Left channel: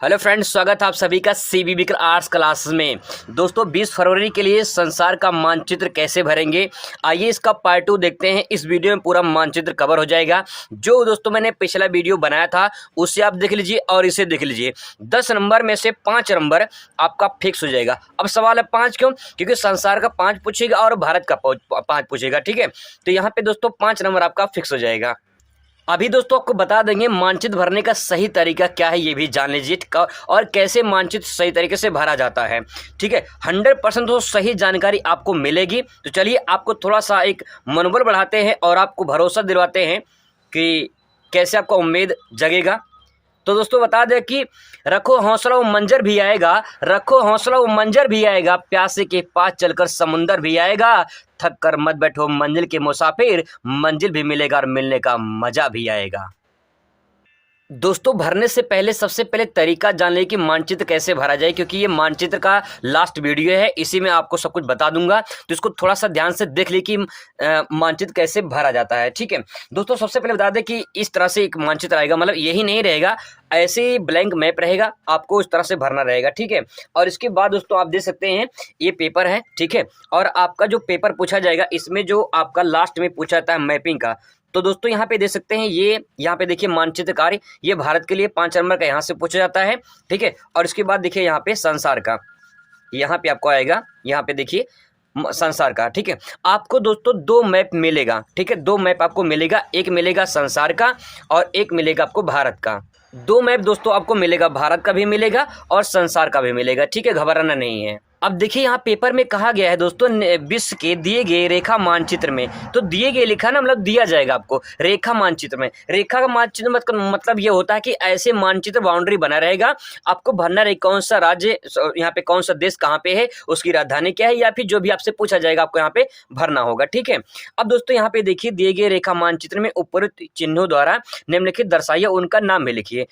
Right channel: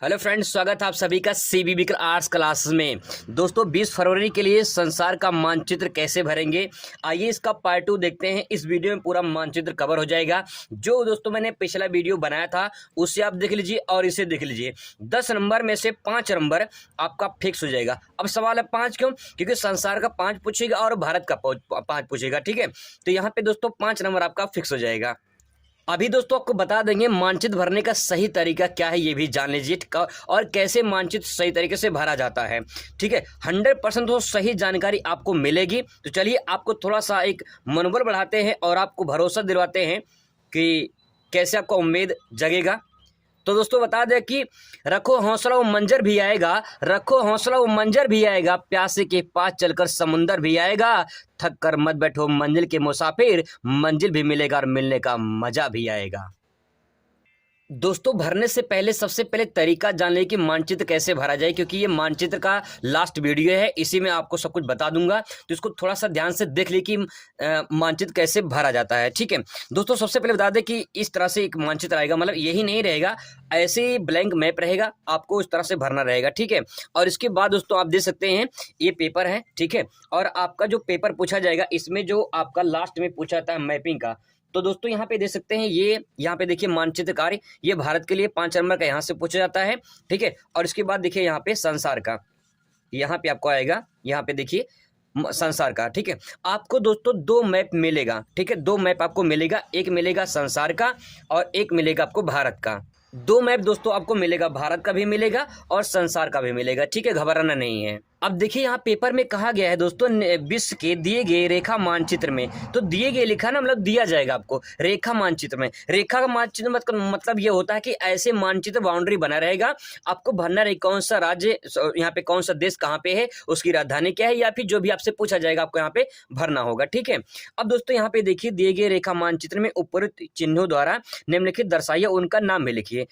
Hello friends, स्वागत है आप सभी का सीबीबी आर्ट्स क्लासेस में। दोस्तों 20 फरवरी के लिए संसार का मानचित्र कैसे भरेंगे, आइए इसका पार्ट 2 देखते हैं। इस वीडियो में पूरा मानचित्र कवर हो जाएगा। जो दोस्तों मैंने पिछला वीडियो बनाया था उससे आप देख लीजिए और इसे देख लीजिए। 10 नंबर में से 5 नंबर आपका फिक्स हो जाएगा। अब सवाल है 5 क्यों? क्योंकि संसार का 5 पूछेगा और भारत का 5 पूछेगा। ठीक है, तो यहाँ पे दोस्तों 5 नंबर आपका फिक्स हो जाएगा। अभी दोस्तों आपको बता देंगे मानचित्र भरने का सही तरीका क्या है, ये भी जान लीजिए और कैसे मानचित्र सही तरीके से भरा जाता है। ठीक है, 100% तो सही जानकारी आपको मिलेगी। तो चलिए आपको थोड़ा सा एक मनोबल बढ़ाते हैं और आपको भरोसा दिलवाते हैं कि कैसे आपका उम्मीद जगेगा। तो दोस्तों बता दें कि रखो हौसला वो मंजर भी आएगा, रखो हौसला वो मंजर भी आएगा, प्यासे के पास चलकर समुंदर भी आएगा, थक कर मत बैठो मंजिल के मुसाफिर, मंजिल भी मिलेगा और मिलने का मजा भी आएगा। दोस्तों भरने से पहले सबसे पहले तरीका जान लें कि मानचित्र कैसे भरा जाए, क्योंकि ये मानचित्र का लास्ट वीडियो है, इसी में आपको सब कुछ बता दूंगा। तो इसको थोड़ा सा ध्यान से देख ले कि मानचित्र कैसे भरा जाता है। ठीक है दोस्तों, सबसे पहले बता दें कि इस तरह से एक मानचित्र आएगा, मतलब यही नहीं रहेगा, ऐसे ही ब्लैंक मैप रहेगा, आपको इस तरह से भरना रहेगा। ठीक है, और इसके बाद दोस्तों आप देख सकते हैं ये पेपर है। ठीक है, और आपका जो पेपर पूछा जाएगा इसमें जो आपका लास्ट में पूछा जाता है मैपिंग का, तो दोस्तों यहाँ पे देख सकते हैं ये यहाँ पे देखिए मानचित्र कार्य, ये भारत के लिए 5 नंबर का यहाँ से पूछा जाता है। ठीक है, और इसके बाद देखिए यहाँ पे संसार का, यहाँ पे आपको आएगा, यहाँ पे देखिए संसार का। ठीक है, आपको दोस्तों 2 मैप मिलेगा। ठीक है, 2 मैप आपको मिलेगा, एक मिलेगा संसार का और एक मिलेगा आपको भारत का। 2 मैप दोस्तों आपको मिलेगा, भारत का भी मिलेगा और संसार का भी मिलेगा। ठीक है, घबराना नहीं है। अब देखिए यहाँ पेपर में कहा गया है दोस्तों विश्व के दिए गए रेखा मानचित्र में, तो दिए गए लिखा ना, मतलब दिया जाएगा आपको रेखा मानचित्र में। रेखा का मानचित्र मतलब ये होता है कि ऐसे मानचित्र बाउंड्री बना रहेगा, आपको भरना रहेगा कौन सा राज्य, यहाँ पे कौन सा देश कहाँ पे है, उसकी राजधानी क्या है, या फिर जो भी आपसे पूछा जाएगा आपको यहाँ पे भरना होगा। ठीक है, अब दोस्तों यहाँ पे देखिए दिए गए रेखा मानचित्र में उपरोक्त चिन्हों द्वारा निम्नलिखित दर्शाइए, उनका नाम भी लिखिए।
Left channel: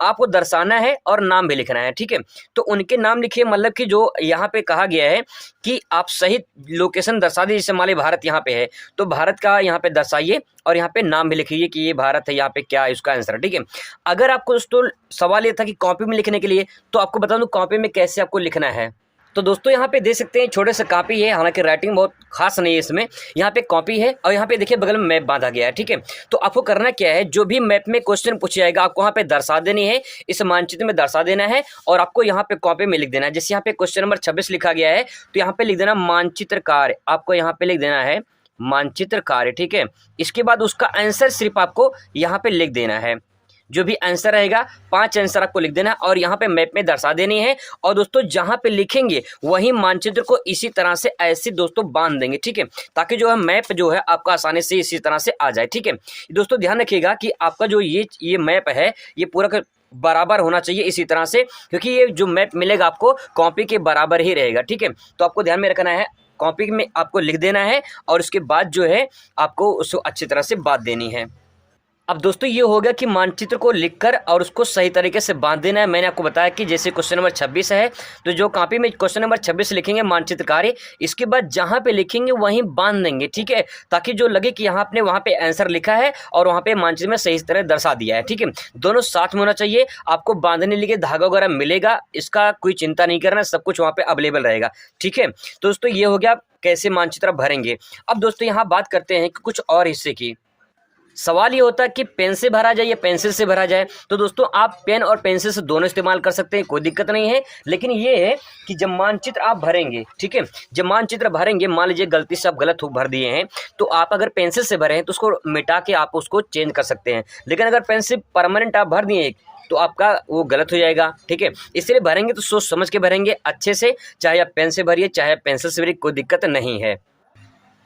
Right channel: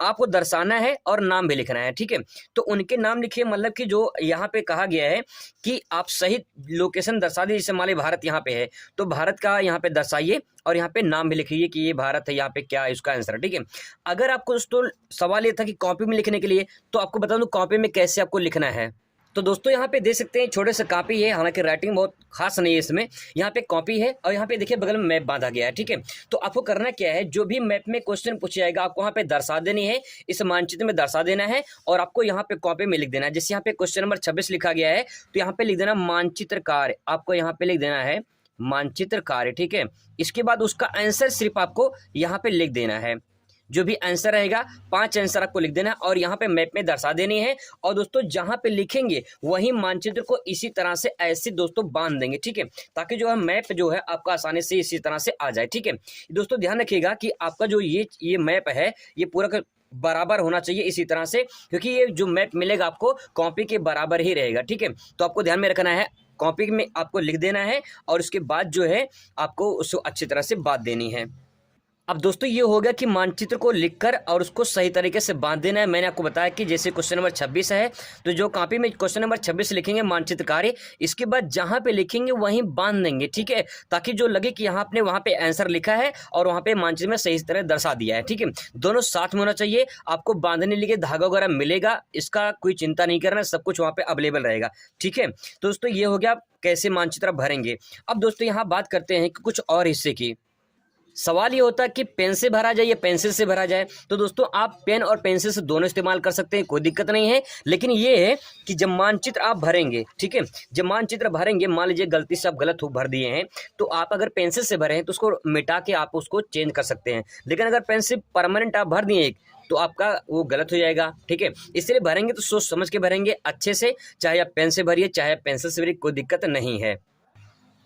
आपको दर्शाना है और नाम भी लिखना है। ठीक है, तो उनके नाम लिखिए, मतलब कि जो यहाँ पे कहा गया है कि आप सही लोकेशन दर्शा दीजिए। जैसे मान लीजिए भारत यहाँ पे है, तो भारत का यहाँ पे दर्शाइए और यहाँ पे नाम भी लिखिए कि ये भारत है, यहाँ पे क्या है इसका आंसर। ठीक है, अगर आपको दोस्तों सवाल ये था कि कॉपी में लिखने के लिए, तो आपको बता दूं कॉपी में कैसे आपको लिखना है। तो दोस्तों यहाँ पे देख सकते हैं छोटे से कॉपी है, हालांकि राइटिंग बहुत खास नहीं है इसमें। यहाँ पे कॉपी है और यहाँ पे देखिए बगल में मैप बांधा गया है। ठीक है, तो आपको करना क्या है, जो भी मैप में क्वेश्चन पूछा जाएगा आपको वहाँ पे दर्शा देनी है, इस मानचित्र में दर्शा देना है और आपको यहाँ पे कॉपी में लिख देना है। जैसे यहाँ पे क्वेश्चन नंबर 26 लिखा गया है, तो यहाँ पे लिख देना मानचित्र कार्य, आपको यहाँ पे लिख देना है मानचित्र कार्य। ठीक है, इसके बाद उसका आंसर सिर्फ आपको यहाँ पे लिख देना है। जो भी आंसर रहेगा 5 आंसर आपको लिख देना और यहाँ पे मैप में दर्शा देनी है। और दोस्तों जहाँ पे लिखेंगे वहीं मानचित्र को इसी तरह से ऐसे दोस्तों बांध देंगे। ठीक है, ताकि जो है मैप जो है आपका आसानी से इसी तरह से आ जाए। ठीक है दोस्तों, ध्यान रखिएगा कि आपका जो ये मैप है ये पूरा बराबर होना चाहिए इसी तरह से, क्योंकि ये जो मैप मिलेगा आपको कॉपी के बराबर ही रहेगा। ठीक है, तो आपको ध्यान में रखना है, कॉपी में आपको लिख देना है और उसके बाद जो है आपको उसको अच्छी तरह से बांध देनी है। अब दोस्तों ये हो गया कि मानचित्र को लिखकर और उसको सही तरीके से बांध देना है। मैंने आपको बताया कि जैसे क्वेश्चन नंबर 26 है, तो जो कॉपी में क्वेश्चन नंबर 26 लिखेंगे मानचित्र कार्य, इसके बाद जहाँ पे लिखेंगे वहीं बांध देंगे। ठीक है, ताकि जो लगे कि यहाँ आपने वहाँ पे आंसर लिखा है और वहाँ पे मानचित्र में सही तरह दर्शा दिया है। ठीक है, दोनों साथ में होना चाहिए। आपको बांधने के लिए धागा वगैरह मिलेगा, इसका कोई चिंता नहीं करना, सब कुछ वहाँ पे अवेलेबल रहेगा। ठीक है, तो दोस्तों ये हो गया कैसे मानचित्र भरेंगे। अब दोस्तों यहाँ बात करते हैं कि कुछ और हिस्से की। सवाल ये होता है कि पेन से भरा जाए या पेंसिल से भरा जाए। तो दोस्तों आप पेन और पेंसिल से दोनों इस्तेमाल कर सकते हैं, कोई दिक्कत नहीं है। लेकिन ये है कि जब मानचित्र आप भरेंगे, ठीक है, जब मानचित्र भरेंगे, मान लीजिए गलती से आप गलत भर दिए हैं, तो आप अगर पेंसिल से भरे हैं तो उसको मिटा के आप उसको चेंज कर सकते हैं। लेकिन अगर पेंसिल परमानेंट आप भर दिए तो आपका वो गलत हो जाएगा। ठीक है, इसलिए भरेंगे तो सोच समझ के भरेंगे अच्छे से, चाहे आप पेन से भरिए चाहे आप पेंसिल से भरिए, कोई दिक्कत नहीं है।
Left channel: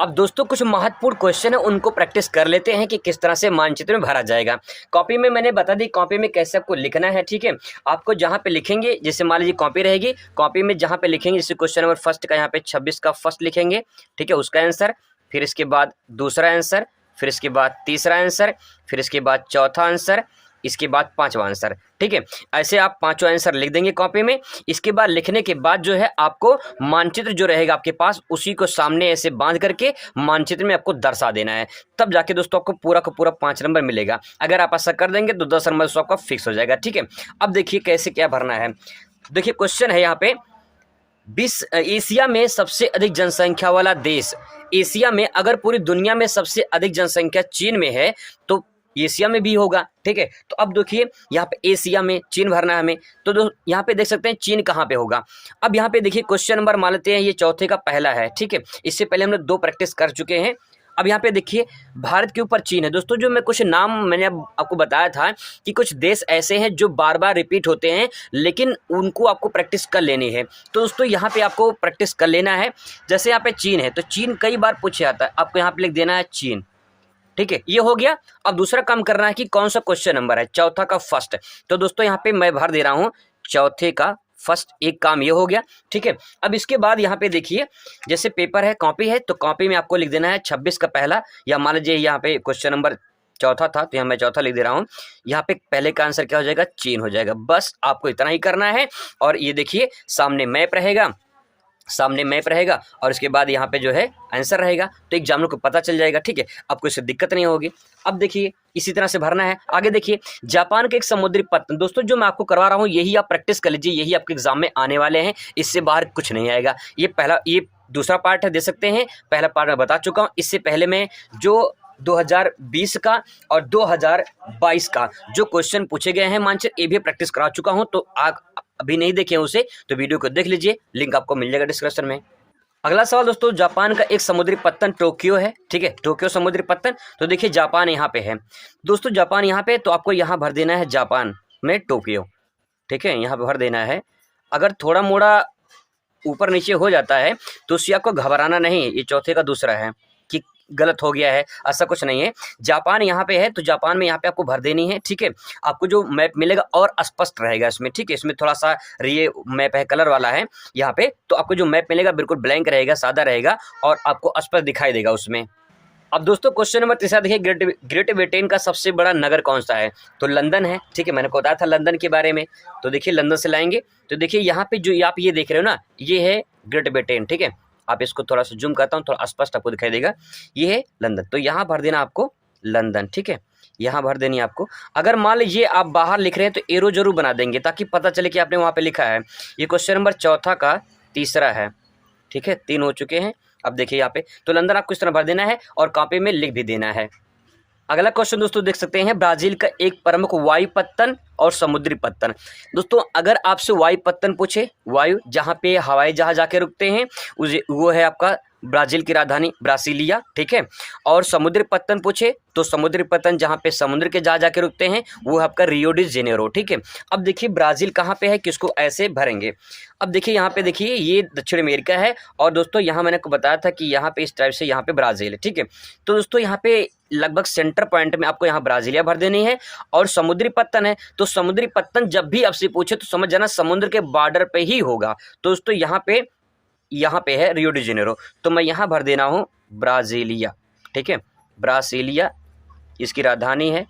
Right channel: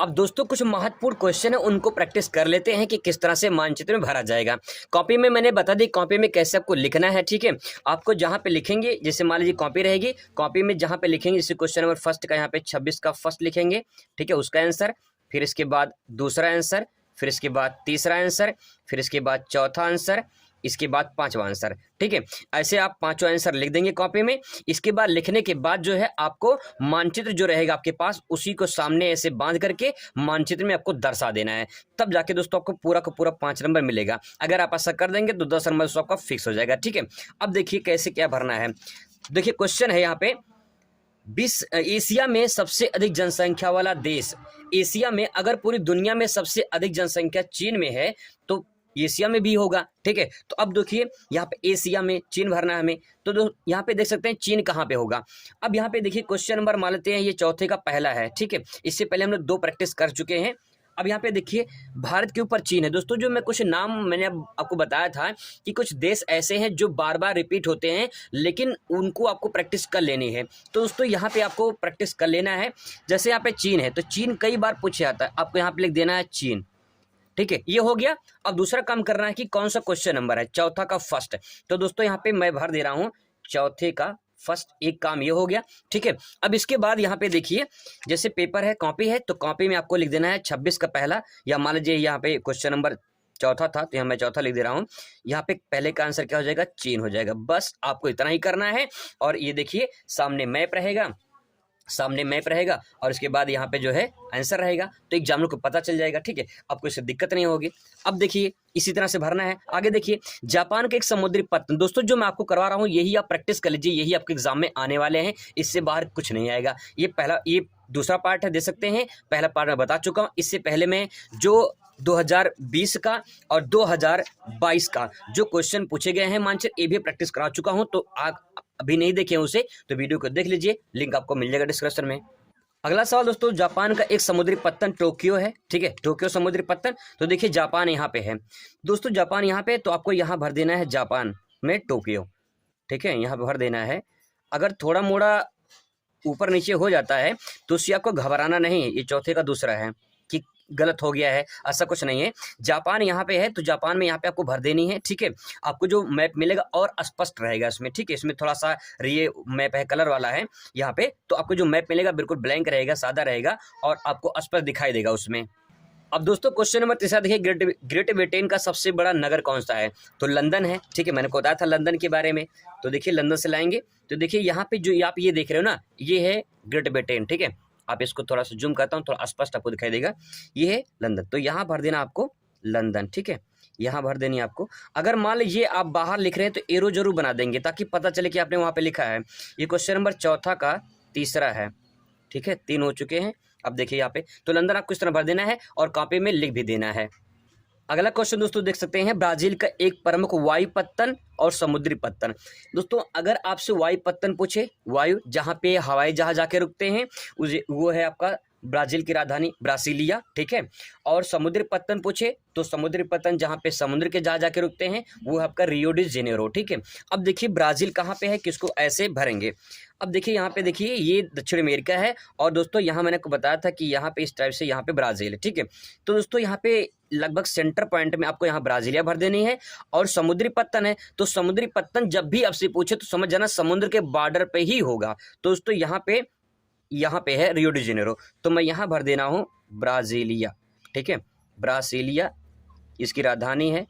अब दोस्तों कुछ महत्वपूर्ण क्वेश्चन है, उनको प्रैक्टिस कर लेते हैं कि किस तरह से मानचित्र में भरा जाएगा। कॉपी में मैंने बता दी कॉपी में कैसे आपको लिखना है। ठीक है, आपको जहां पे लिखेंगे, जैसे मान लीजिए कॉपी रहेगी, कॉपी में जहां पे लिखेंगे, जैसे क्वेश्चन नंबर फर्स्ट का यहाँ पे 26 का फर्स्ट लिखेंगे। ठीक है, उसका आंसर, फिर इसके बाद दूसरा आंसर, फिर इसके बाद तीसरा आंसर, फिर इसके बाद चौथा आंसर, इसके बाद पांचवा आंसर, ठीक है। ऐसे आप पांचों आंसर लिख देंगे कॉपी में। इसके बाद लिखने के बाद जो है आपको मानचित्र जो रहेगा आपके पास उसी को सामने ऐसे बांध करके मानचित्र में आपको दर्शा देना है, तब जाके दोस्तों आपको पूरा का पूरा 5 नंबर मिलेगा। अगर आप ऐसा कर देंगे तो 10 नंबर आपका फिक्स हो जाएगा, ठीक है। अब देखिए कैसे क्या भरना है। देखिए क्वेश्चन है यहाँ पे, एशिया में सबसे अधिक जनसंख्या वाला देश। एशिया में, अगर पूरी दुनिया में सबसे अधिक जनसंख्या चीन में है तो एशिया में भी होगा, ठीक है। तो अब देखिए यहाँ पे एशिया में चीन भरना है हमें, तो यहाँ पे देख सकते हैं चीन कहाँ पे होगा। अब यहाँ पे देखिए क्वेश्चन नंबर मान लेते हैं ये चौथे का पहला है, ठीक है। इससे पहले हमने 2 प्रैक्टिस कर चुके हैं। अब यहाँ पे देखिए भारत के ऊपर चीन है। दोस्तों जो मैं कुछ नाम मैंने अब आपको बताया था कि कुछ देश ऐसे हैं जो बार बार रिपीट होते हैं, लेकिन उनको आपको प्रैक्टिस कर लेनी है। तो दोस्तों यहाँ पे आपको प्रैक्टिस कर लेना है। जैसे यहाँ पे चीन है, तो चीन कई बार पूछा जाता है, आपको यहाँ पे लिख देना है चीन, ठीक है। ये हो गया। अब दूसरा काम करना है कि कौन सा क्वेश्चन नंबर है, चौथा का फर्स्ट। तो दोस्तों यहाँ पे मैं भर दे रहा हूँ चौथे का फर्स्ट, एक काम ये हो गया, ठीक है। अब इसके बाद यहाँ पे देखिए जैसे पेपर है, कॉपी है, तो कॉपी में आपको लिख देना है 26 का पहला, या मान लीजिए यहाँ पे क्वेश्चन नंबर चौथा था तो यहाँ मैं चौथा लिख दे रहा हूँ। यहाँ पे पहले का आंसर क्या हो जाएगा, चीन हो जाएगा। बस आपको इतना ही करना है। और ये देखिए सामने मैप रहेगा, और इसके बाद यहाँ पे जो है आंसर रहेगा, तो एग्जामिनर को पता चल जाएगा, ठीक है। आपको इससे दिक्कत नहीं होगी। अब देखिए इसी तरह से भरना है। आगे देखिए जापान के एक समुद्री पत्तन। दोस्तों जो मैं आपको करवा रहा हूँ यही आप प्रैक्टिस कर लीजिए, यही आपके एग्जाम में आने वाले हैं, इससे बाहर कुछ नहीं आएगा। ये दूसरा पार्ट है, दे सकते हैं। पहला पार्ट मैं बता चुका हूँ। इससे पहले मैं जो 2020 का और 2022 का जो क्वेश्चन पूछे गए हैं मानचित्र, ये भी प्रैक्टिस करा चुका हूं। तो आप अभी नहीं देखे उसे तो वीडियो को देख लीजिए, लिंक आपको मिल जाएगा डिस्क्रिप्शन में। अगला सवाल दोस्तों, जापान का एक समुद्री पत्तन टोक्यो है, ठीक है। टोक्यो समुद्री पत्तन। तो देखिए जापान यहाँ पे है दोस्तों, जापान यहाँ पे, तो आपको यहाँ भर देना है जापान में टोक्यो, ठीक है। यहाँ पे भर देना है। अगर थोड़ा मोड़ा ऊपर नीचे हो जाता है तो उससे आपको घबराना नहीं, ये चौथे का दूसरा है कि गलत हो गया है, ऐसा कुछ नहीं है। जापान यहाँ पे है तो जापान में यहाँ पे आपको भर देनी है, ठीक है। आपको जो मैप मिलेगा और स्पष्ट रहेगा इसमें, ठीक है। इसमें थोड़ा सा ये मैप है कलर वाला है यहाँ पे, तो आपको जो मैप मिलेगा बिल्कुल ब्लैंक रहेगा, सादा रहेगा और आपको स्पष्ट दिखाई देगा उसमें। अब दोस्तों क्वेश्चन नंबर 3 देखिए, ग्रेट ब्रिटेन का सबसे बड़ा नगर कौन सा है। तो लंदन है, ठीक है। मैंने को बताया था लंदन के बारे में, तो देखिए लंदन से लाएंगे। तो देखिए यहाँ पे जो आप ये देख रहे हो ना, ये है ग्रेट ब्रिटेन, ठीक है। आप इसको थोड़ा सा जूम करता हूँ, थोड़ा स्पष्ट आपको दिखाई देगा। ये है लंदन, तो यहाँ भर देना आपको लंदन, ठीक है। यहाँ भर देनी आपको। अगर मान लीजिए आप बाहर लिख रहे हैं तो एरो जरूर बना देंगे ताकि पता चले कि आपने वहाँ पे लिखा है। ये क्वेश्चन नंबर चौथा का तीसरा है, ठीक है। 3 हो चुके हैं। अब देखिए यहाँ पे तो लंदन आपको इस तरह भर देना है और कॉपी में लिख भी देना है। अगला क्वेश्चन दोस्तों देख सकते हैं, ब्राजील का एक प्रमुख वायु पत्तन और समुद्री पत्तन। दोस्तों अगर आपसे वायु पत्तन पूछे, वायु जहाँ पे हवाई जहाज आके रुकते हैं, वो है आपका ब्राजील की राजधानी ब्रासिलिया, ठीक है। और समुद्री पत्तन पूछे तो समुद्री पत्तन जहाँ पे समुद्र के जहाज आके रुकते हैं वो है आपका रियो डी जेनेरो, ठीक है। अब देखिए ब्राजील कहाँ पे है, किसको ऐसे भरेंगे। अब देखिए यहाँ पे देखिए ये दक्षिण अमेरिका है और दोस्तों यहाँ मैंने आपको बताया था कि यहाँ पे इस टाइप से यहाँ पे ब्राज़ील है, ठीक है। तो दोस्तों यहाँ पे लगभग सेंटर पॉइंट में आपको यहाँ ब्राज़ीलिया भर देनी है। और समुद्री पत्तन है तो समुद्री पत्तन जब भी आपसे पूछे तो समझ जाना समुद्र के बॉर्डर पे ही होगा। तो दोस्तों यहाँ पे है रियो डी जेनेरो, तो मैं यहाँ भर देना हूँ ब्राज़ीलिया, ठीक है। ब्रासीलिया इसकी राजधानी है,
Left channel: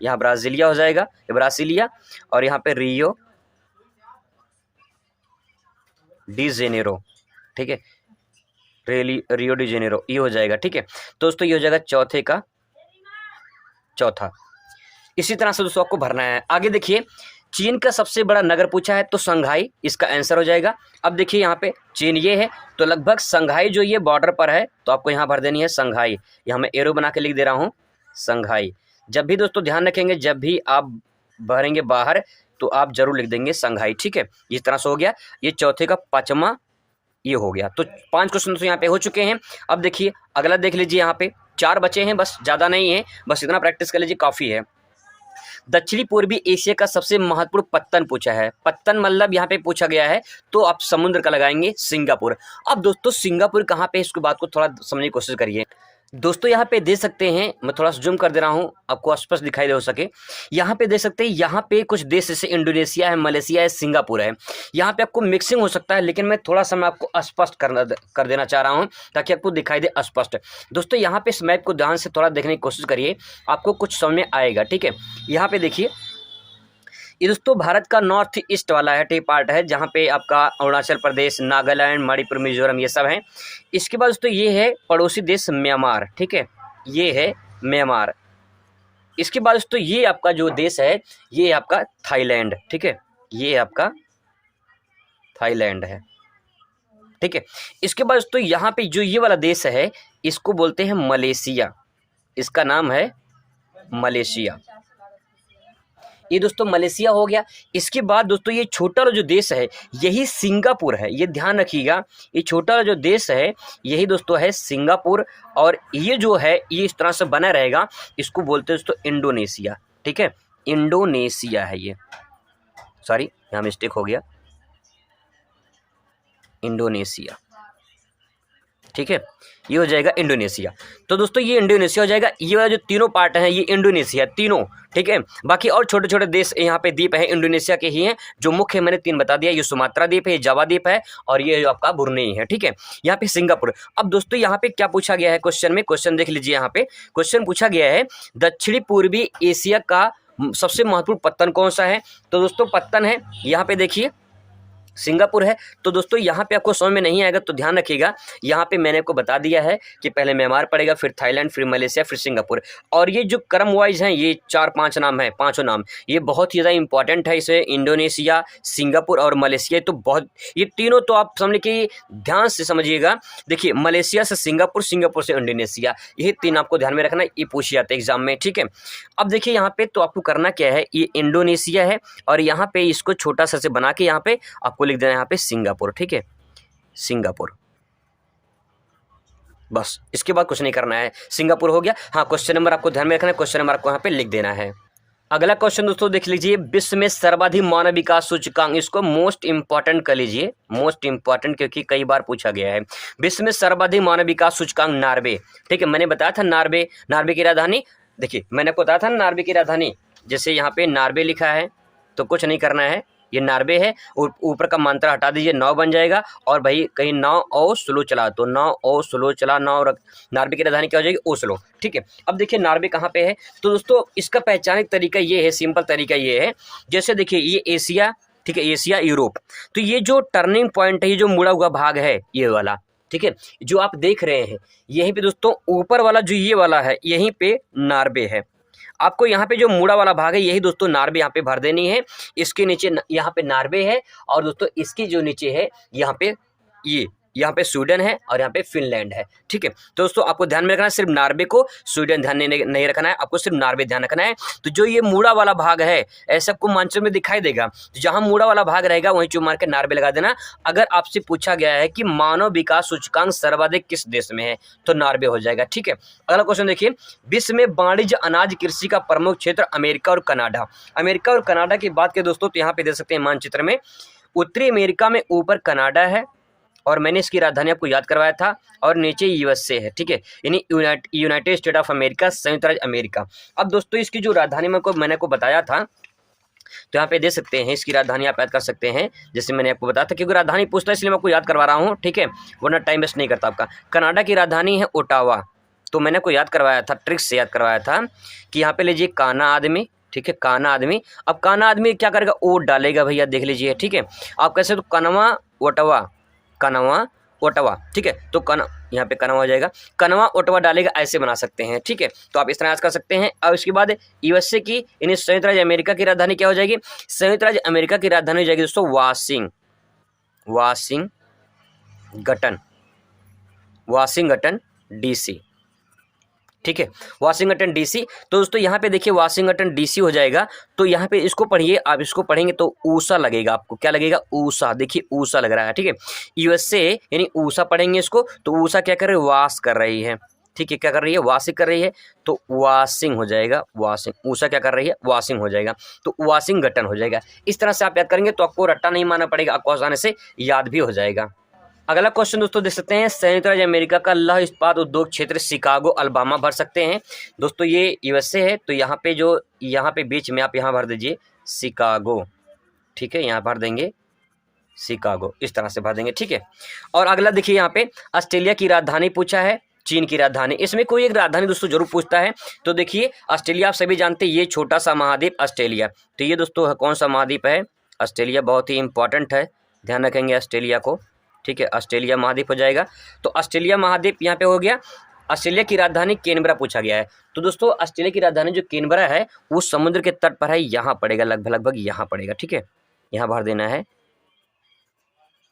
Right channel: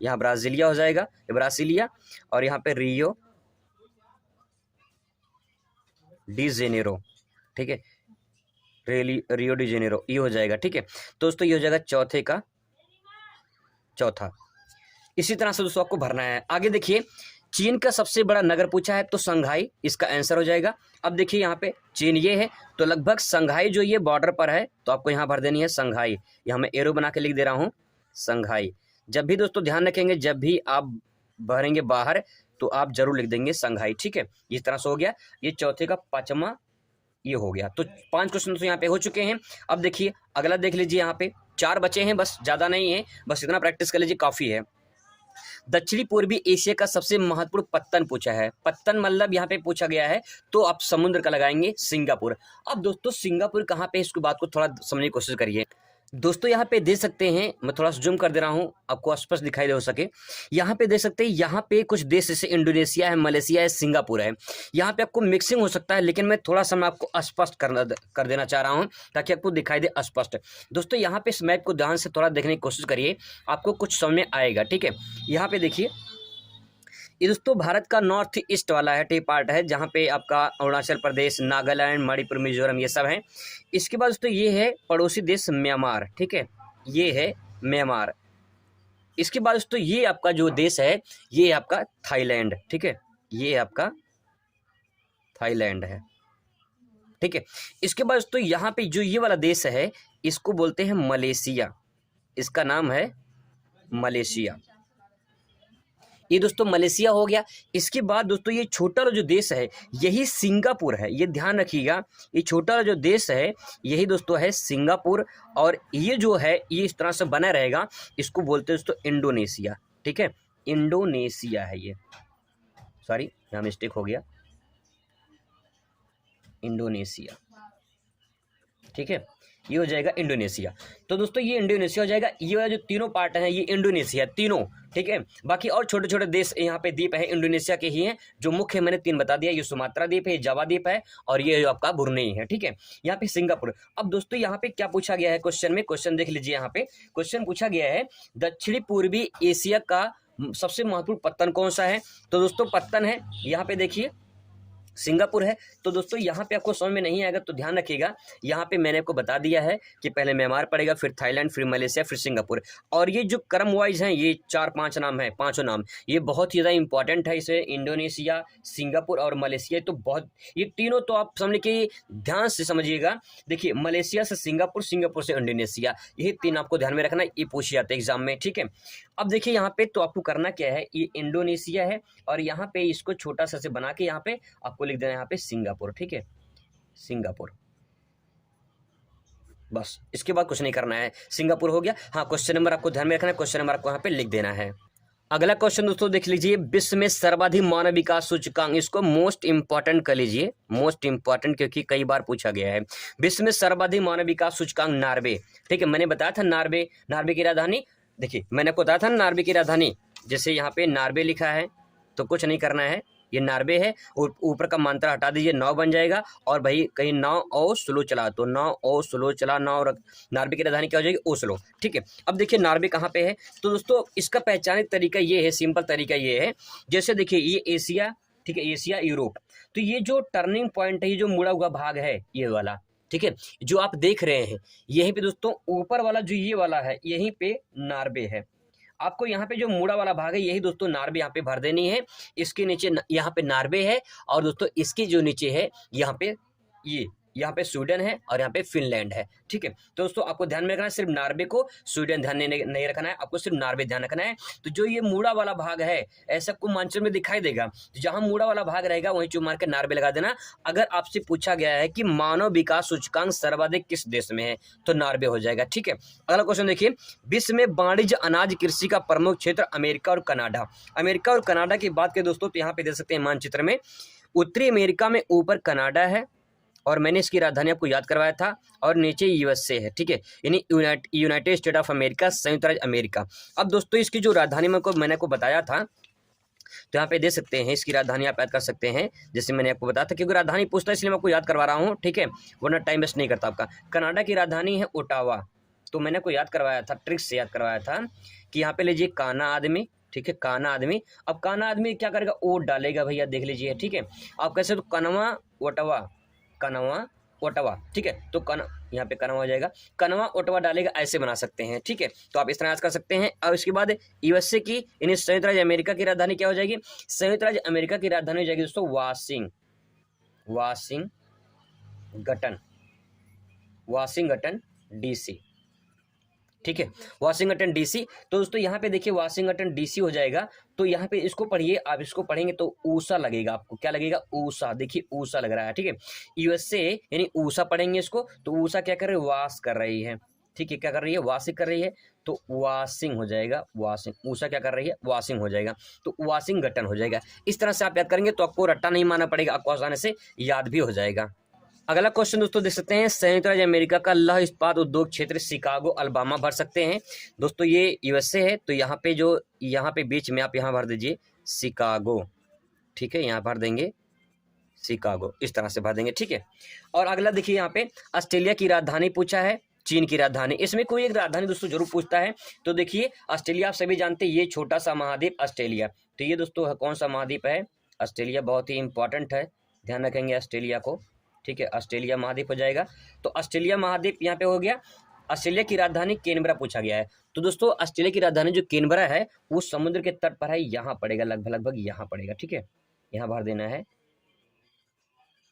यहाँ ब्राज़ीलिया हो जाएगा, ब्रासीलिया। और यहाँ पे रियो डी जेनेरो, ठीक है। रियो डी जेनेरो ये हो जाएगा, ठीक है। तो दोस्तों ये हो जाएगा चौथे का चौथा। इसी तरह से दोस्तों आपको भरना है। आगे देखिए चीन का सबसे बड़ा नगर पूछा है तो संघाई इसका आंसर हो जाएगा। अब देखिए यहाँ पे चीन ये है तो लगभग संघाई जो ये बॉर्डर पर है तो आपको यहाँ भर देनी है संघाई। यहाँ मैं एरो बना के लिख दे रहा हूँ संघाई। जब भी दोस्तों ध्यान रखेंगे जब भी आप भरेंगे बाहर तो आप जरूर लिख देंगे संघाई, ठीक है। इस तरह से हो गया। ये चौथे का पांचवा ये हो गया। तो 5 क्वेश्चन तो यहाँ पे हो चुके हैं। अब देखिए अगला देख लीजिए, यहाँ पे 4 बचे हैं, बस ज़्यादा नहीं है, बस इतना प्रैक्टिस कर लीजिए काफ़ी है। दक्षिणी पूर्वी एशिया का सबसे महत्वपूर्ण पत्तन पूछा है। पत्तन मतलब यहाँ पे पूछा गया है तो आप समुद्र का लगाएंगे सिंगापुर। अब दोस्तों सिंगापुर कहाँ पे, इसके बात को थोड़ा समझने की कोशिश करिए। दोस्तों यहाँ पे दे सकते हैं, मैं थोड़ा सा जूम कर दे रहा हूँ आपको स्पष्ट दिखाई दे हो सके। यहाँ पे दे सकते हैं, यहाँ पे कुछ देश जैसे इंडोनेशिया है, मलेशिया है, सिंगापुर है। यहाँ पे आपको मिक्सिंग हो सकता है लेकिन मैं थोड़ा सा मैं आपको स्पष्ट कर देना चाह रहा हूँ ताकि आपको दिखाई दे स्पष्ट। दोस्तों यहाँ पे इस मैप को ध्यान से थोड़ा देखने की कोशिश करिए, आपको कुछ समझ में आएगा, ठीक है। यहाँ पे देखिए ये दोस्तों भारत का नॉर्थ ईस्ट वाला है टी पार्ट है, जहाँ पे आपका अरुणाचल प्रदेश, नागालैंड, मणिपुर, मिजोरम ये सब हैं। इसके बाद दोस्तों ये है पड़ोसी देश म्यांमार, ठीक है, ये है म्यांमार। इसके बाद दोस्तों ये आपका जो देश है ये आपका थाईलैंड, ठीक है, ये आपका थाईलैंड है, ठीक है। इसके बाद दोस्तों यहाँ पे जो ये वाला देश है इसको बोलते हैं मलेशिया, इसका नाम है मलेशिया। ये दोस्तों मलेशिया हो गया। इसके बाद दोस्तों ये छोटा वाला जो देश है यही सिंगापुर है, ये ध्यान रखिएगा, ये छोटा वाला जो देश है यही दोस्तों है सिंगापुर। और ये जो है ये इस तरह से बना रहेगा, इसको बोलते हैं दोस्तों इंडोनेशिया, ठीक है, इंडोनेशिया है ये, सॉरी यहाँ मिस्टेक हो गया, इंडोनेशिया, ठीक है, ये हो जाएगा इंडोनेशिया। तो दोस्तों ये इंडोनेशिया हो जाएगा। ये वाला जो तीनों पार्ट हैं ये इंडोनेशिया तीनों, ठीक है। बाकी और छोटे छोटे देश यहाँ पे द्वीप है इंडोनेशिया के ही हैं, जो मुख्य मैंने 3 बता दिया, ये सुमात्रा द्वीप है, ये जावा द्वीप है, और ये जो आपका ब्रुनेई है, ठीक है। यहाँ पे सिंगापुर। अब दोस्तों यहाँ पे क्या पूछा गया है क्वेश्चन में, क्वेश्चन देख लीजिए, यहाँ पे क्वेश्चन पूछा गया है दक्षिणी पूर्वी एशिया का सबसे महत्वपूर्ण पत्तन कौन सा है। तो दोस्तों पत्तन है यहाँ पे देखिए सिंगापुर है। तो दोस्तों यहाँ पे आपको समझ में नहीं आएगा तो ध्यान रखिएगा, यहाँ पे मैंने आपको बता दिया है कि पहले म्यांमार पड़ेगा, फिर थाईलैंड, फिर मलेशिया, फिर सिंगापुर। और ये जो क्रम वाइज हैं ये 4-5 नाम है, पाँचों नाम ये बहुत ही ज़्यादा इंपॉर्टेंट है। इसे इंडोनेशिया, सिंगापुर और मलेशिया, तो बहुत ये तीनों तो आप समझ कि ध्यान से समझिएगा। देखिए मलेशिया से सिंगापुर, सिंगापुर से इंडोनेशिया, ये 3 आपको ध्यान में रखना, ये पूछे जाते हैं एग्जाम में, ठीक है। अब देखिए यहाँ पे तो आपको करना क्या है, ये इंडोनेशिया है और यहाँ पे इसको छोटा सा से बना के यहाँ पे आपको लिख देना है यहाँ पे सिंगापुर, ठीक है, सिंगापुर, बस इसके बाद कुछ नहीं करना है, सिंगापुर हो गया। हाँ क्वेश्चन नंबर आपको ध्यान में रखना है, क्वेश्चन नंबर आपको यहाँ पे लिख देना है। अगला क्वेश्चन दोस्तों देख लीजिए, विश्व में सर्वाधिक मानव विकास सूचकांक, इसको मोस्ट इंपॉर्टेंट कर लीजिए, मोस्ट इंपॉर्टेंट क्योंकि कई बार पूछा गया है। विश्व में सर्वाधिक मानव विकास सूचकांक नार्वे, ठीक है, मैंने बताया था नार्वे, नार्वे की राजधानी, देखिए मैंने आपको बताया था नार्वे की राजधानी, जैसे यहाँ पे नार्वे लिखा है तो कुछ नहीं करना है, ये नार्वे है, ऊपर का मात्रा हटा दीजिए, 9 बन जाएगा। और भाई कहीं 9 ओ स्लो चला तो 9 ओ स्लो चला, 9 रख, नार्वे की राजधानी क्या हो जाएगी, ओस्लो, ठीक है। अब देखिए नार्वे कहाँ पे है, तो दोस्तों इसका पहचानने का तरीका ये है, सिंपल तरीका ये है, जैसे देखिए ये एशिया, ठीक है, एशिया यूरोप, तो ये जो टर्निंग पॉइंट है, ये जो मुड़ा हुआ भाग है ये वाला, ठीक है, जो आप देख रहे हैं यहीं पे दोस्तों ऊपर वाला जो ये वाला है यहीं पे नार्वे है। आपको यहाँ पे जो मुड़ा वाला भाग है यही दोस्तों नार्वे यहाँ पे भर देनी है। इसके नीचे यहाँ पे नार्वे है और दोस्तों इसके जो नीचे है यहाँ पे यहाँ पे स्वीडन है और यहाँ पे फिनलैंड है, ठीक है। तो दोस्तों आपको ध्यान में रखना है, सिर्फ नार्वे को स्वीडन ध्यान नहीं रखना है, आपको सिर्फ नार्वे ध्यान रखना है। तो जो ये मुड़ा वाला भाग है ऐसा आपको मानचित्र में दिखाई देगा, तो जहां मुड़ा वाला भाग रहेगा वहीं चुन मार के नार्वे लगा देना। अगर आपसे पूछा गया है कि मानव विकास सूचकांक सर्वाधिक किस देश में है तो नार्वे हो जाएगा, ठीक है। अगला क्वेश्चन देखिए, विश्व में वाणिज्य अनाज कृषि का प्रमुख क्षेत्र अमेरिका और कनाडा। अमेरिका और कनाडा की बात करें दोस्तों तो यहाँ पे दे सकते हैं मानचित्र में, उत्तरी अमेरिका में ऊपर कनाडा है और मैंने इसकी राजधानी आपको याद करवाया था, और नीचे यूएसए है, ठीक है, यानी यूनाइटेड स्टेट ऑफ अमेरिका, संयुक्त राज्य अमेरिका। अब दोस्तों इसकी जो राजधानी मैंने को बताया था तो यहाँ पे दे सकते हैं, इसकी राजधानी आप याद कर सकते हैं, जैसे मैंने आपको बताया था, क्योंकि राजधानी पूछता है इसलिए मैं आपको याद करवा रहा हूँ, ठीक है, वरना टाइम वेस्ट नहीं करता आपका। कनाडा की राजधानी है ओटावा, तो मैंने आपको याद करवाया था, ट्रिक्स से याद करवाया था कि यहाँ पे लीजिए काना आदमी, ठीक है, काना आदमी। अब काना आदमी क्या करेगा, ओट डालेगा भैया, देख लीजिए, ठीक है। आप कैसे, तो कनवा ओटावा, कनवा ओटावा, ठीक है, तो यहाँ पे कनवा हो जाएगा, कनवा ओटावा डालेगा, ऐसे बना सकते हैं, ठीक है। तो आप इस तरह याद कर सकते हैं। अब इसके बाद यूएसए की यानी संयुक्त राज्य अमेरिका की राजधानी क्या हो जाएगी, संयुक्त राज्य अमेरिका की राजधानी हो जाएगी दोस्तों वाशिंगटन डीसी, ठीक है, वाशिंगटन डीसी। तो दोस्तों यहाँ पे देखिए वाशिंगटन डीसी हो जाएगा, तो यहाँ पे इसको पढ़िए, आप इसको पढ़ेंगे तो ऊषा लगेगा आपको, क्या लगेगा, ऊषा, देखिए ऊषा लग रहा है, ठीक है। यूएसए यानी ऊषा पढ़ेंगे इसको, तो ऊषा क्या कर रही है, वाश कर रही है, ठीक है, क्या कर रही है, वाशिंग कर रही है, तो वाशिंग हो जाएगा, वाशिंग, ऊषा क्या कर रही है, वाशिंग हो जाएगा, तो वाशिंगटन हो जाएगा। इस तरह से आप याद करेंगे तो आपको रट्टा नहीं मारना पड़ेगा, आपको आसानी से याद भी हो जाएगा। अगला क्वेश्चन दोस्तों देख सकते हैं, संयुक्त राज्य अमेरिका का लौह इस्पात उद्योग क्षेत्र शिकागो अल्बामा भर सकते हैं। दोस्तों ये यूएसए है, तो यहाँ पे बीच में आप यहाँ भर दीजिए शिकागो, ठीक है, यहाँ भर देंगे शिकागो, इस तरह से भर देंगे, ठीक है। और अगला देखिए यहाँ पे ऑस्ट्रेलिया की राजधानी पूछा है, चीन की राजधानी। इसमें कोई एक राजधानी दोस्तों जरूर पूछता है। तो देखिए ऑस्ट्रेलिया आप सभी जानते हैं, ये छोटा सा महाद्वीप ऑस्ट्रेलिया। तो ये दोस्तों कौन सा महाद्वीप है? ऑस्ट्रेलिया। बहुत ही इंपॉर्टेंट है, ध्यान रखेंगे ऑस्ट्रेलिया को। ठीक है, ऑस्ट्रेलिया महाद्वीप हो जाएगा। तो ऑस्ट्रेलिया महाद्वीप यहाँ पे हो गया। ऑस्ट्रेलिया की राजधानी कैनबरा पूछा गया है। तो दोस्तों ऑस्ट्रेलिया की राजधानी जो कैनबरा है वो समुद्र के तट पर है, यहाँ पड़ेगा, लगभग यहाँ पड़ेगा। ठीक है, यहाँ भर देना है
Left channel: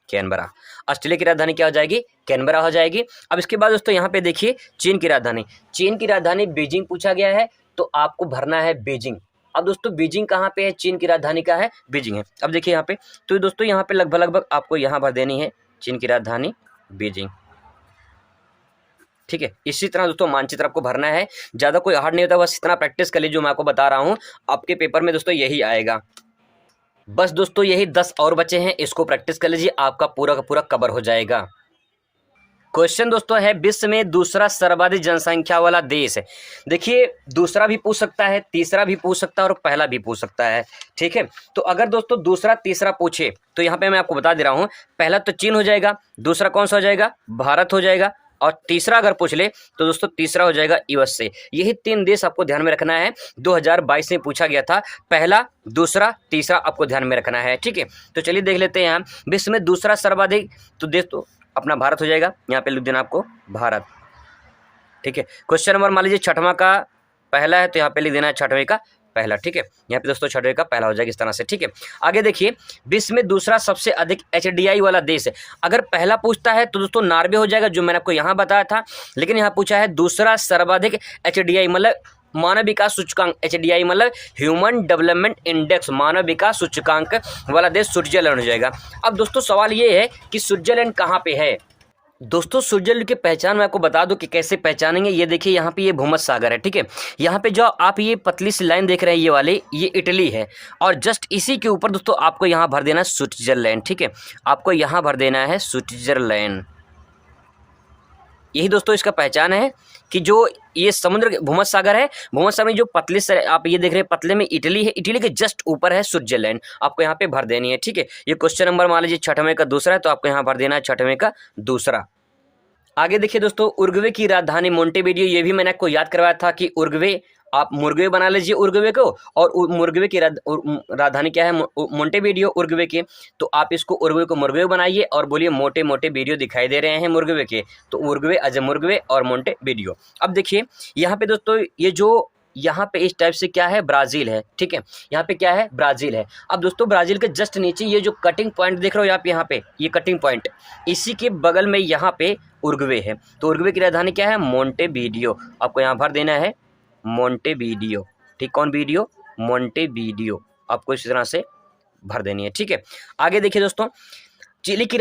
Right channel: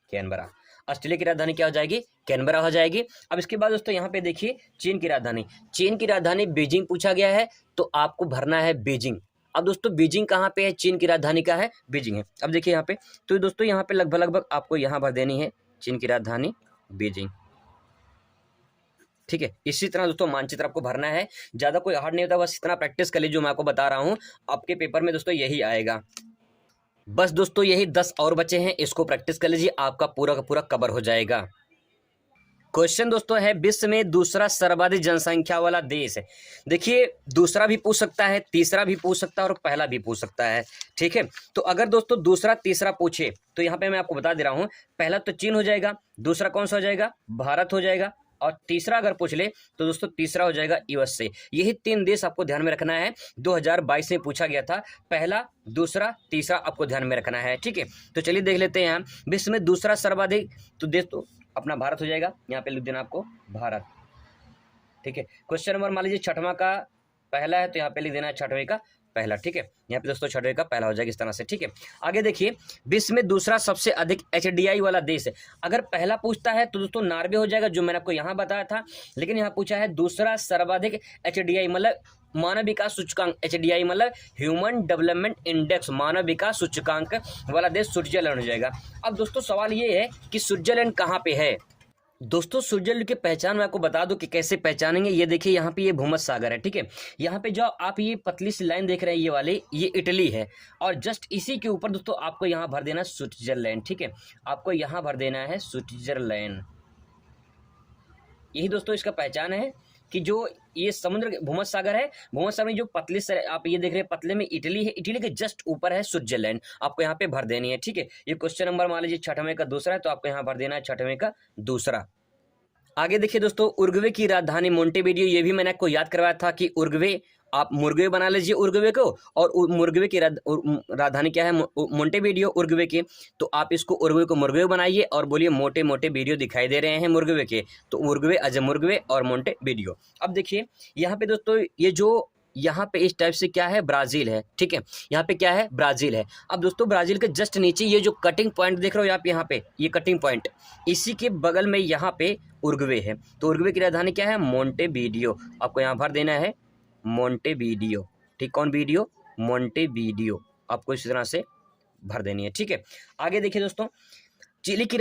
कैनबरा। ऑस्ट्रेलिया की राजधानी क्या हो जाएगी? कैनबरा हो जाएगी। अब इसके बाद दोस्तों यहाँ पे देखिए चीन की राजधानी। चीन की राजधानी बीजिंग पूछा गया है, तो आपको भरना है बीजिंग। अब दोस्तों बीजिंग कहाँ पे है? चीन की राजधानी का है बीजिंग है। अब देखिए यहाँ पे, तो दोस्तों यहाँ पे लगभग आपको यहाँ भर देनी है चीन की राजधानी बीजिंग। ठीक है, इसी तरह दोस्तों मानचित्र आपको भरना है, ज़्यादा कोई हार्ड नहीं होता, बस इतना प्रैक्टिस कर लीजिए। जो मैं आपको बता रहा हूँ आपके पेपर में दोस्तों यही आएगा। बस दोस्तों यही 10 और बचे हैं, इसको प्रैक्टिस कर लीजिए, आपका पूरा का पूरा कवर हो जाएगा। क्वेश्चन दोस्तों है विश्व में दूसरा सर्वाधिक जनसंख्या वाला देश। देखिए दूसरा भी पूछ सकता है, तीसरा भी पूछ सकता है और पहला भी पूछ सकता है। ठीक है, तो अगर दोस्तों दूसरा तीसरा पूछे तो यहाँ पे मैं आपको बता दे रहा हूँ, पहला तो चीन हो जाएगा, दूसरा कौन सा हो जाएगा? भारत हो जाएगा, और तीसरा अगर पूछ ले तो दोस्तों तीसरा हो जाएगा यूएसए। यही 3 देश आपको ध्यान में रखना है, 2022 में पूछा गया था। पहला, दूसरा, तीसरा आपको ध्यान में रखना है। ठीक है, तो चलिए देख लेते हैं यहाँ विश्व में दूसरा सर्वाधिक तो देश तो अपना भारत हो जाएगा, यहाँ पे लिख देना आपको भारत। ठीक है, क्वेश्चन नंबर मान लीजिए 6वां का पहला है, तो यहाँ पे लिख देना है 6वें का पहला। ठीक है, यहाँ पे दोस्तों 6वें का पहला हो जाएगा इस तरह से। ठीक है, आगे देखिए विश्व में दूसरा सबसे अधिक एचडीआई वाला देश है। अगर पहला पूछता है तो दोस्तों नॉर्वे हो जाएगा, जो मैंने आपको यहाँ बताया था। लेकिन यहाँ पूछा है दूसरा सर्वाधिक एचडीआई मतलब मानव विकास सूचकांक, एचडीआई मतलब ह्यूमन डेवलपमेंट इंडेक्स, मानव विकास सूचकांक वाला देश स्विट्जरलैंड हो जाएगा। अब दोस्तों सवाल ये है कि स्विट्जरलैंड कहाँ पे है? दोस्तों स्विट्जरलैंड की पहचान मैं आपको बता दूं कि कैसे पहचानेंगे। ये देखिए यहाँ पे ये भूमध्य सागर है। ठीक है, यहाँ पे जो आप ये पतली सी लाइन देख रहे हैं ये वाली, ये इटली है, और जस्ट इसी के ऊपर दोस्तों आपको यहाँ भर देना है स्विट्जरलैंड। ठीक है, आपको यहाँ भर देना है स्विट्जरलैंड। यही दोस्तों इसका पहचान है कि जो ये समुद्र भूमध्य सागर है, भूमध्य सागर में जो पतले से आप ये देख रहे हैं पतले में इटली है, इटली के जस्ट ऊपर है स्विट्जरलैंड, आपको यहाँ पे भर देनी है। ठीक है, ये क्वेश्चन नंबर मान लीजिए 6वें का दूसरा है, तो आपको यहाँ भर देना है 6वें का दूसरा। आगे देखिए दोस्तों उरुग्वे की राजधानी मोंटेवीडियो, ये भी मैंने आपको याद करवाया था कि उरुग्वे, आप मुर्गवे बना लीजिए उरुग्वे को, और मुर्गवे की राजधानी क्या है? मोंटेवीडियो उरुग्वे की। तो आप इसको उरुग्वे को मुर्गवे बनाइए और बोलिए मोटे मोटे वीडियो दिखाई दे रहे हैं मुर्गवे के, तो उरुग्वे अजय मुर्गवे और मोंटेवीडियो। अब देखिए यहाँ पे दोस्तों ये जो यहाँ पे इस टाइप से क्या है? ब्राज़ील है। ठीक है, यहाँ पे क्या है? ब्राज़ील है। अब दोस्तों ब्राज़ील के जस्ट नीचे ये जो कटिंग पॉइंट देख रहे हो आप यहाँ पे, ये कटिंग पॉइंट, इसी के बगल में यहाँ पे उरुग्वे है। तो उरुग्वे की राजधानी क्या है? मोंटेवीडियो। आपको यहाँ भर देना है मोंटेवीडियो। ठीक, कौन वीडियो? मोंटेवीडियो, आपको इस तरह से भर देनी है। ठीक है, आगे देखिए दोस्तों चिली की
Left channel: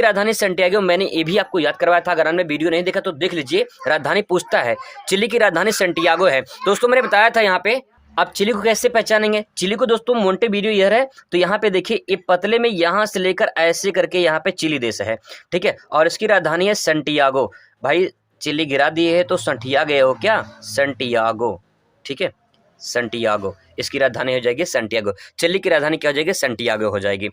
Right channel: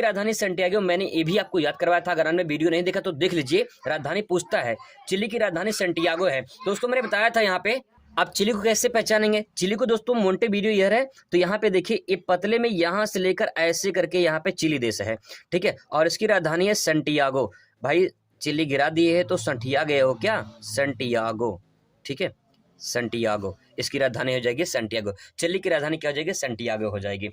राजधानी सैंटियागो, मैंने ये भी आपको याद करवाया था। अगर आपने वीडियो नहीं देखा तो देख लीजिए, राजधानी पूछता है। चिली की राजधानी सैंटियागो है। दोस्तों मैंने बताया था यहाँ पे, आप चिली को कैसे पहचानेंगे? चिली को दोस्तों मोंटेवीडियो ये है, तो यहाँ पे देखिए ये पतले में यहाँ से लेकर ऐसे करके यहाँ पे चिली देश है। ठीक है, और इसकी राजधानी है सैंटियागो। भाई चिली गिरा दिए है तो सैंटियागो गए हो क्या? सैंटियागो। ठीक है, सैंटियागो इसकी राजधानी हो जाएगी सैंटियागो। चिली की राजधानी क्या हो जाएगी? सैंटियागो हो जाएगी।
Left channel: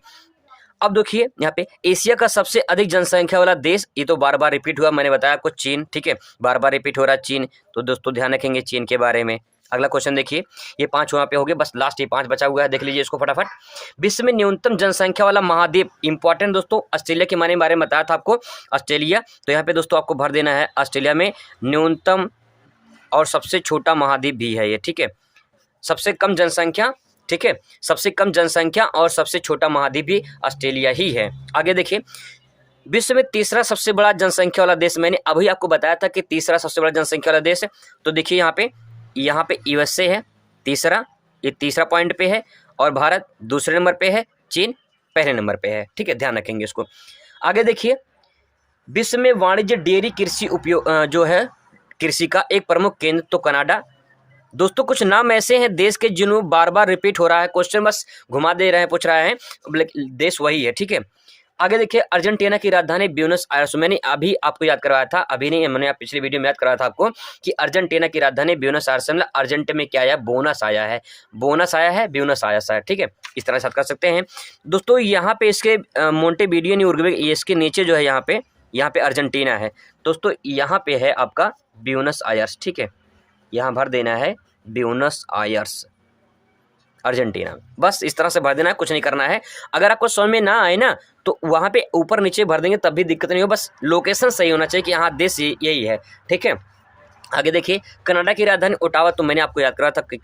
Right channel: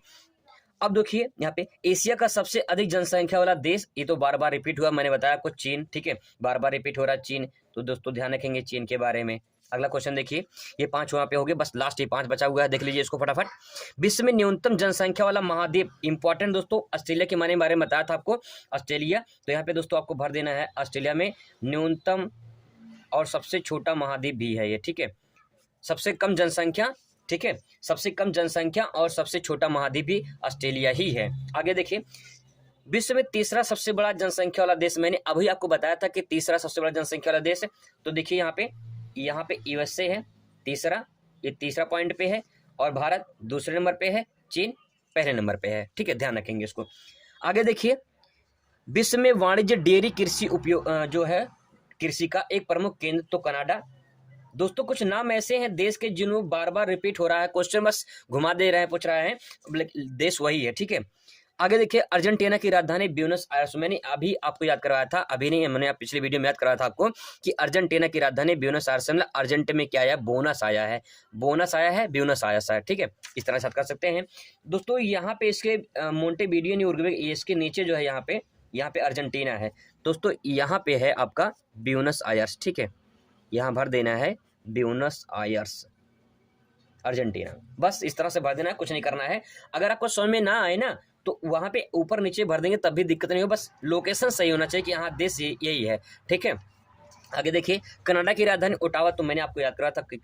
अब देखिए यहाँ पे एशिया का सबसे अधिक जनसंख्या वाला देश, ये तो बार बार रिपीट हुआ, मैंने बताया आपको चीन। ठीक है, बार बार रिपीट हो रहा है चीन, तो दोस्तों ध्यान रखेंगे चीन के बारे में। अगला क्वेश्चन देखिए, ये 5 वहाँ पे हो गए, बस लास्ट ये 5 बचा हुआ है, देख लीजिए इसको फटाफट। विश्व में न्यूनतम जनसंख्या वाला महाद्वीप, इंपॉर्टेंट दोस्तों ऑस्ट्रेलिया के बारे में बताया था आपको, ऑस्ट्रेलिया। तो यहाँ पे दोस्तों आपको भर देना है ऑस्ट्रेलिया में न्यूनतम और सबसे छोटा महाद्वीप भी है ये। ठीक है, सबसे कम जनसंख्या, ठीक है, सबसे कम जनसंख्या और सबसे छोटा महाद्वीप भी ऑस्ट्रेलिया ही है। आगे देखिए विश्व में तीसरा सबसे बड़ा जनसंख्या वाला देश, मैंने अभी आपको बताया था कि तीसरा सबसे बड़ा जनसंख्या वाला देश है। तो देखिए यहाँ पे यूएसए है तीसरा, ये तीसरा पॉइंट पे है, और भारत दूसरे नंबर पे है, चीन पहले नंबर पे है। ठीक है, ध्यान रखेंगे इसको। आगे देखिए विश्व में वाणिज्य डेयरी कृषि उपयोग जो है कृषि का एक प्रमुख केंद्र, तो कनाडा। दोस्तों कुछ नाम ऐसे हैं देश के जिन्हों बार बार रिपीट हो रहा है, क्वेश्चन बस घुमा दे रहे हैं, पूछ रहे हैं, देश वही है। ठीक है, आगे देखिए अर्जेंटीना की राजधानी ब्यूनस आयर्स, मैंने अभी आपको याद करवाया था, अभी नहीं, मैंने पिछली वीडियो में याद करवाया था आपको कि अर्जेंटीना की राजधानी ब्यूनस आयर्स, मतलब अर्जेंट में क्या आया? बोनस आया है, बोनस आया है, ब्यूनस आयर्स है। ठीक है, इस तरह से कर सकते हैं दोस्तों। यहाँ पे इसके मोंटेवीडियो उरुग्वे, इसके नीचे जो है यहाँ पे यहाँ पे अर्जेंटीना है दोस्तों, यहाँ पे है आपका ब्यूनस आयर्स, ठीक है, यहाँ भर देना है ब्यूनस आयर्स अर्जेंटीना। बस इस तरह से भर देना है, कुछ नहीं करना है। अगर आपको समझ में ना आए ना तो वहाँ पे ऊपर नीचे भर देंगे तब भी दिक्कत नहीं हो, बस लोकेशन सही होना चाहिए कि यहाँ देश यही है, ठीक है। आगे देखिए, कनाडा की राजधानी ओटावा, तो मैंने आपको याद करा था कि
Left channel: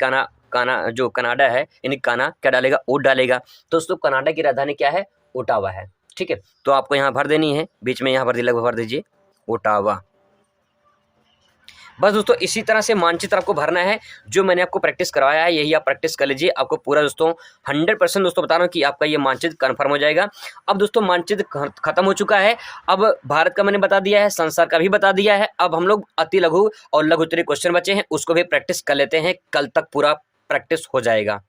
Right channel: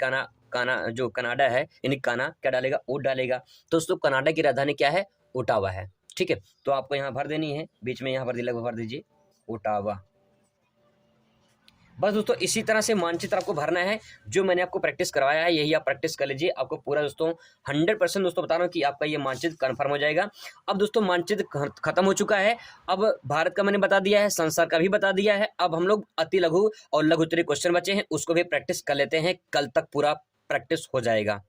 जो कनाडा है यानी काना क्या डालेगा, ओ डालेगा। दोस्तों कनाडा की राजधानी क्या है, ओटावा है, ठीक है। तो आपको यहाँ भर देनी है, बीच में यहाँ भर दीजिए ओटावा। बस दोस्तों इसी तरह से मानचित्र आपको भरना है, जो मैंने आपको प्रैक्टिस करवाया है यही आप प्रैक्टिस कर लीजिए। आपको पूरा दोस्तों 100% दोस्तों बता रहा हूँ कि आपका ये मानचित्र कन्फर्म हो जाएगा। अब दोस्तों मानचित्र खत्म हो चुका है, अब भारत का मैंने बता दिया है, संसार का भी बता दिया है। अब हम लोग अति लघु और लघु उत्तरीय क्वेश्चन बचे हैं, उसको भी प्रैक्टिस कर लेते हैं, कल तक पूरा प्रैक्टिस हो जाएगा।